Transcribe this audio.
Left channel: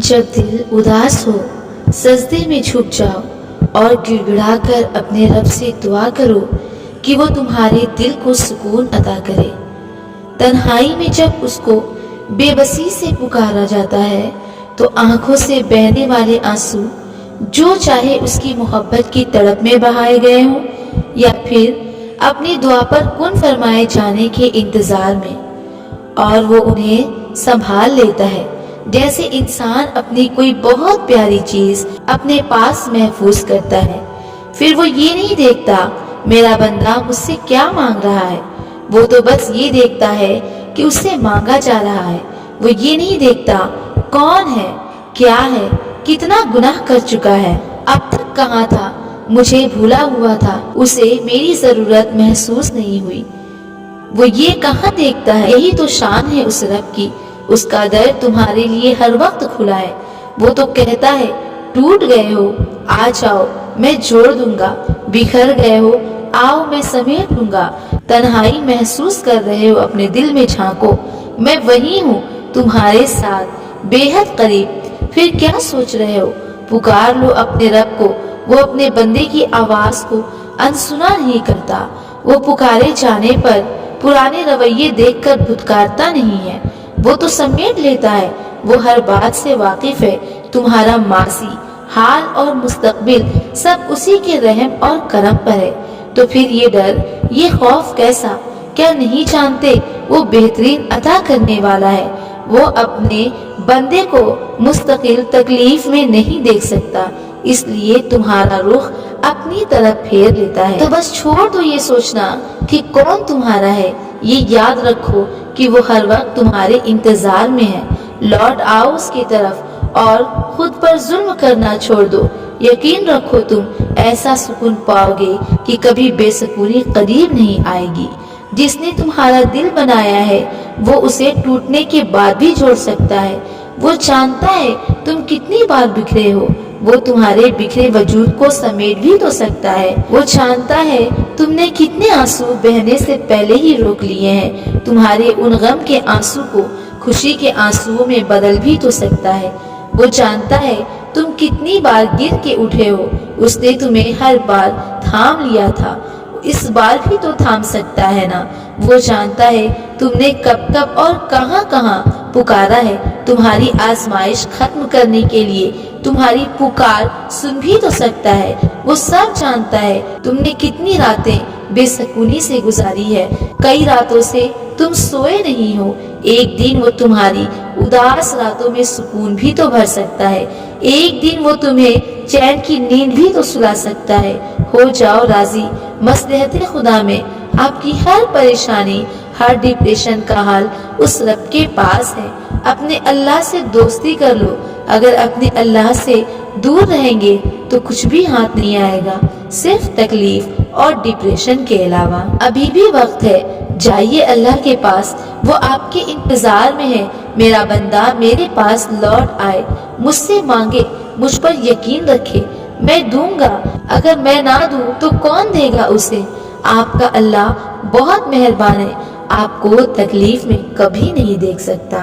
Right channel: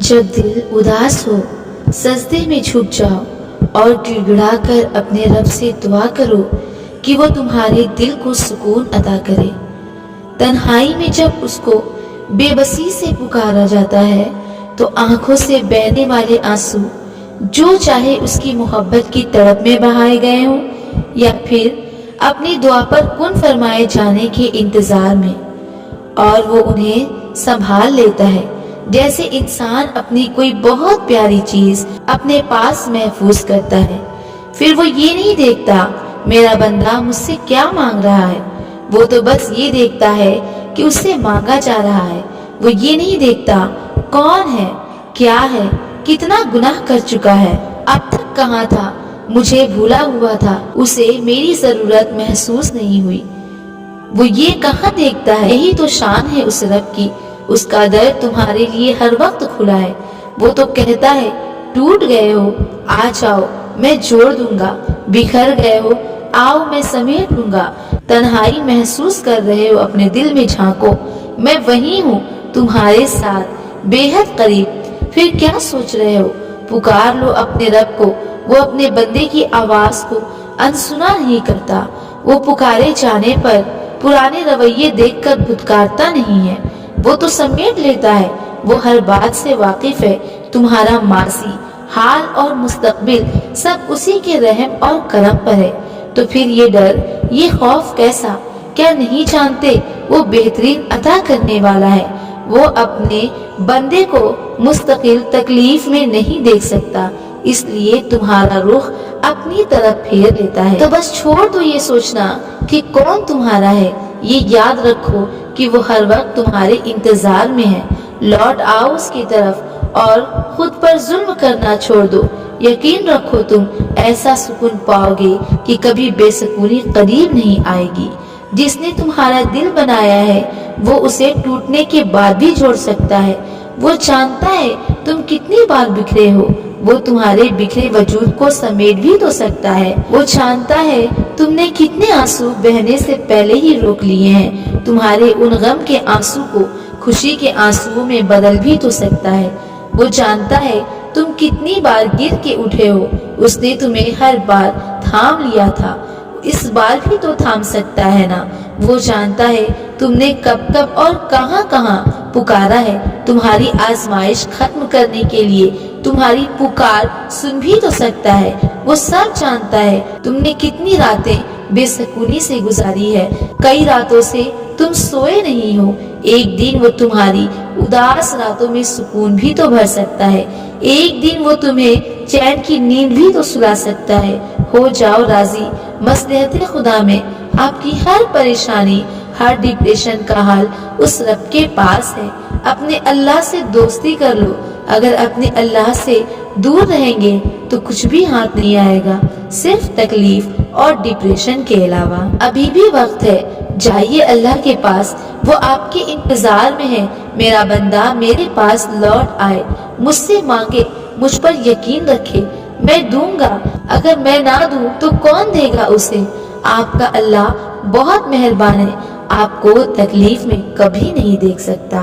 जब दिल उदास हो सजदे में झुक जाओ और गिड़गिड़ा कर अपने रब से दुआ करो कि वो तुम्हारे दिल को सुकून अता करे। तन्हाई में जब उसको बेबसी से पुकारा जाता है तो आंखों से बहने वाले आंसू जो चाहे उसकी मोहब्बत की तड़प में बहाए गए हों या फिर अपनी दुआ पर कुन फरमाए जाने के इंतजार में, और वो उन्हें संभाल लेता है जैसे इंसान अपनी कोई बहुत प्यारी चीज अपने पास महफूज करता है। फिर वो ये नहीं देखता मेरा बंदा मुझसे क्या मांग रहा है, वो तो बस ये देखता है कि उससे मांगा जा रहा है। वो ये नहीं देखता कौन है, क्या है, कितना गुनाह कर चुका है, अब तक कहाँ था, मुझे भूला हुआ था, उसे मेरी जरूरत महसूस नहीं हुई। वो ये कहाँ देखता है, यही तो शान है उस रब की, उसका दर तुम्हारे लिए हर वक्त खुला है। वो तो कहता है टूट गए हो आ जाओ मैं जोड़ दूंगा, बिखर गए हो आओ मैं समेट लूंगा, तन्हाई महसूस कर रहे हो अपने दिल में झांको, मैं वही हूँ तुम्हारे साथ बेहद करीब। फिर क्या सोच रहे हो, पुकार लो अपने रब को, वो अपने बंदे की आवाज को अनसुना नहीं करता। वो पुकारे जाने पर पुराने रवैये देखकर धुतकारता नहीं है, वो तो समेट लेता है। वो हर बात से वाकिफ है, तुम्हारा माजी हाल और मुस्तकबिल सब उसी के रहम और करम पर है। तो फिर ये डर ये खौफ कैसा, क्या नहीं जानते वो बेहतरीन अता करने वाला है। वो अपने बंदे को मुस्तकिल तकलीफ में नहीं देख सकता, इसलिए तुम्हारा रुख अपनी तरफ फेर लेता है। तो बस छोड़ दो ये सोचना कि कौन तुम्हारा है, ये याद रखो कि वो हर वक्त तुम्हारे इंतजार में है। लौट आओ उसकी तरफ और खुद पर जुल्म करना छोड़ दो। यकीन रखो तुम ऐसा सुकून पाओगे कि कभी बेसुकूनी करीब नहीं आएगी। जिसने तुम्हारा दिल बनाया है वो उसे टूटने के बाद भी जोड़ सकता है। वो जानता है तुम कितनी बार बिखरे हो, वो तुम्हारे बिखरे वजूद को समेट भी तो सकता है। वो जानता है तुमने कितने आंसू बहने से पहले ही रोक लिए हैं, तुम्हारे उन गम के आंसू को खुशी के आंसुओं में बदल भी तो सकता है। वो जानता है तुम कितनी बार गिर के उठे हो, उसने तुम्हें हर बार थाम लिया था, इस बार भी तो थाम सकता है ना। वो जानता है तुमने कब कब और कहां कहां पुकारा है, तुम्हारी आजमाइश खत्म करने के लिए तुम्हारी पुकार सुन भी तो सकता है। वो सब जानता है तुमने कितनी रातें बेसुकूनी से गुजारी है, कई रातों से तुम सोए नहीं हो। एक दिन वो तुम्हारी उदास रातों में सुकून भी तो भर सकता है, एक दिन वो तुम्हें चैन की नींद भी तो सुला सकता है। हो जाओ राजी मसलहत खुदा में, आपकी हर परेशानी हर डिप्रेशन का हाल उस रब के पास है। अपने अल्लाह से दोस्ती कर लो, अगर अपने अल्लाह से दूर रहेंगे तो कुछ भी हाथ नहीं आएगा सिर्फ तकलीफ और डिप्रेशन के अलावा। अभी भी वक्त है, जाइए अल्लाह के पास, वो आपके इंतजार में है। मेरा बंदा मेरे पास लौट आए, मुझसे मांगे, मुझ पर यकीन रखे, मैं दूंगा, अगर मैं ना दूं तो कौन देगा उसे। आपका अल्लाह बहुत मेहरबान है, आपको तकलीफ में कभी नहीं देख सकता।